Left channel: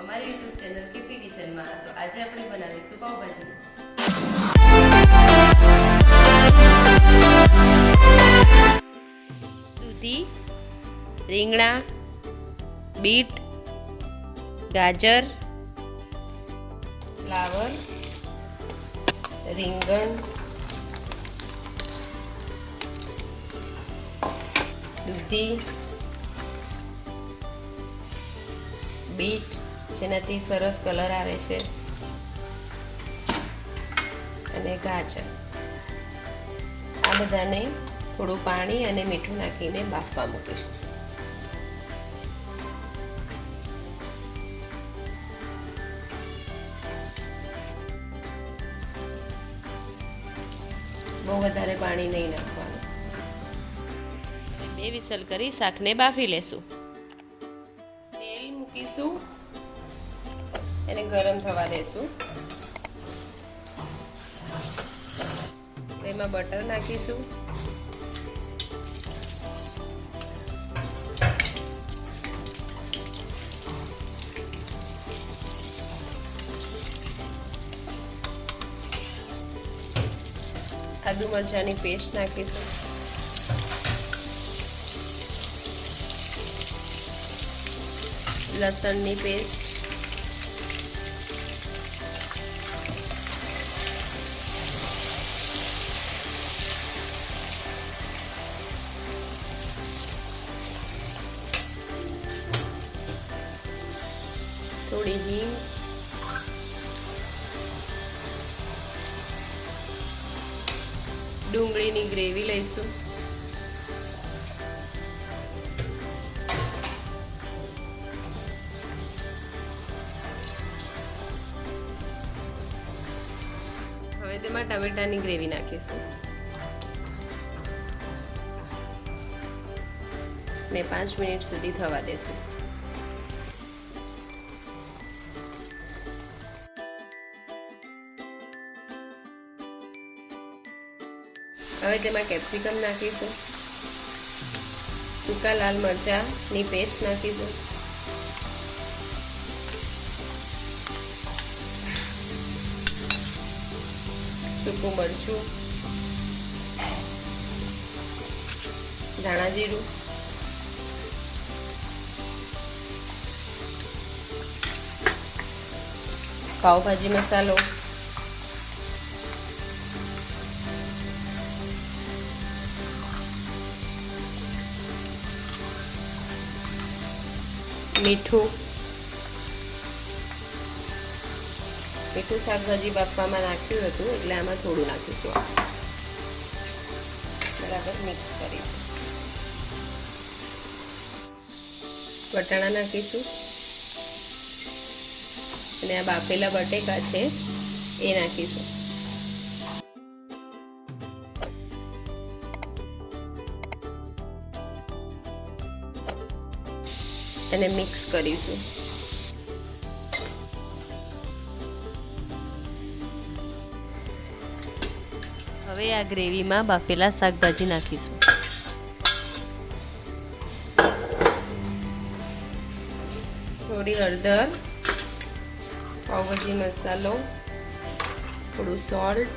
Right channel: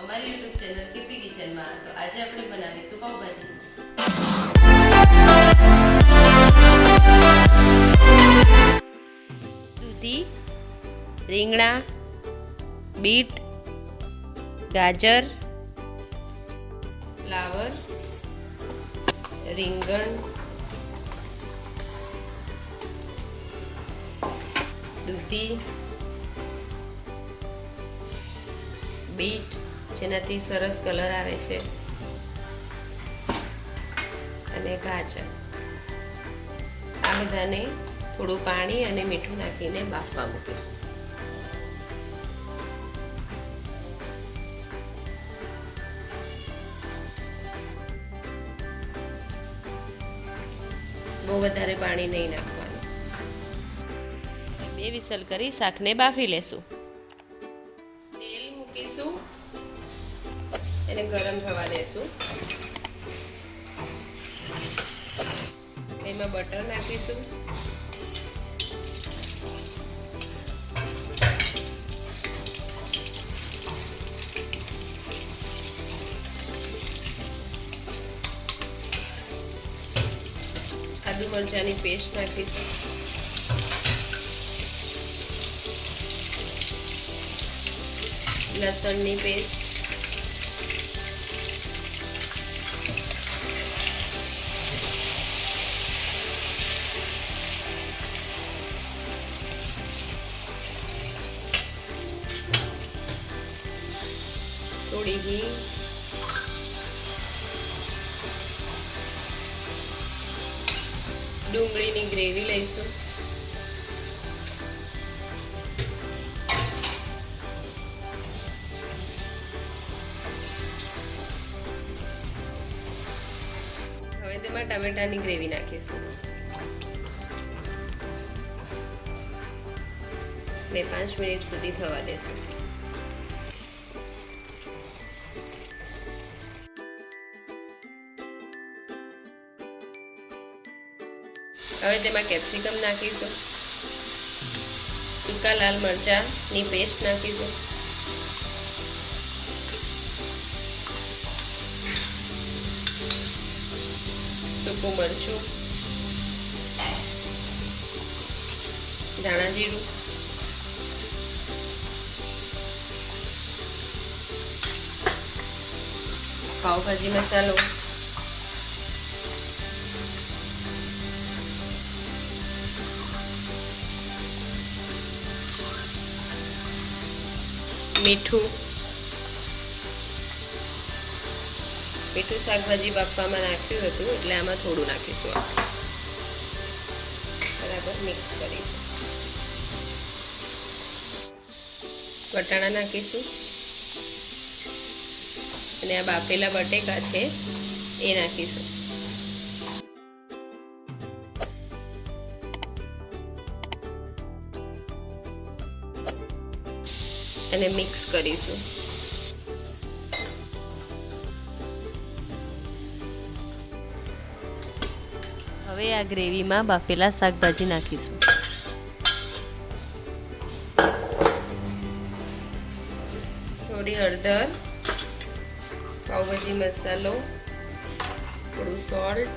અમારી YouTube channel KP કિચનમાં. તો આજે આપણે બનાવીશું પાવભાજી. દૂધી, રીંગણા, બીટ, ગાજર, ફ્લાવર, રીંગણ, દૂધી, બીટ જેનાથી સરસ કલર આવે છે, અને ગાજર. આ બધાને થોડું પાણી અને મીઠું નાખીને બાફવા મૂકીશું. બહુ વધારે પાણી નહીં નાખવાનું. હવે 2 વિસલ કરી શાકને બાફી લેશું. તેલ મૂકીશું, એને ગરમ થવા દેશું. એમાં બટર નાખીશું. આદુ મરચાંની પેસ્ટ નાખીશું. લસણની પેસ્ટ, થોડી હિંગ, ડુંગળીની ગ્રેવી લઈશું. હવે તેમાં ટમેટાની ગ્રેવી નાખીશું ને 5 મિનિટ સુધી થવા દેશું. હવે તેમાં કેપ્સિકમ નાખીશું. સૂકા લાલ મરચાંની પેસ્ટ નાખીશું. સૂકું મરચું, ધાણા જીરું, પાવભાજી મસાલો, મીઠું. મીઠું શાકભાજી બાફવામાં નાખ્યું હતું એટલે આમાં થોડું નાખીશું. બરાબર મિક્સ કરીશું. વટાણા નાખીશું અને આ બાફેલા બટેકા છે એ નાખીશું. અને મિક્સ કરીશું. હવે આ ગ્રેવીમાં બાફેલા શાકભાજી નાખીશું. થોડી હળદર, પાવભાજી મસાલો, થોડું સોલ્ટ,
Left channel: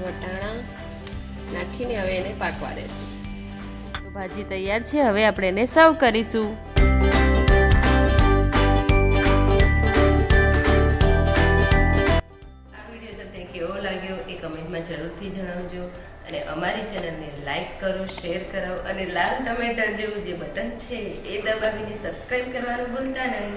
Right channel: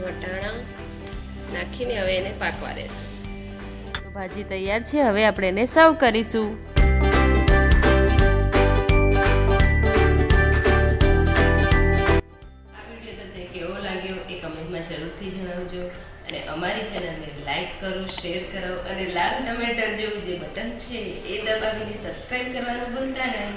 વટાણા નાખીને હવે એને પાકવા દેશું. ભાજી તૈયાર છે. હવે આપણે એને સર્વ કરીશું. આ વિડીયો તમને કેવો લાગ્યો એ કમેન્ટમાં જરૂરથી જણાવજો. અને અમારી ચેનલને લાઈક કરો, શેર કરો અને લાલ ટમેટા જેવું જે બટન છે એ દબાવીને સબસ્ક્રાઇબ કરવાનું ભૂલતા નહીં.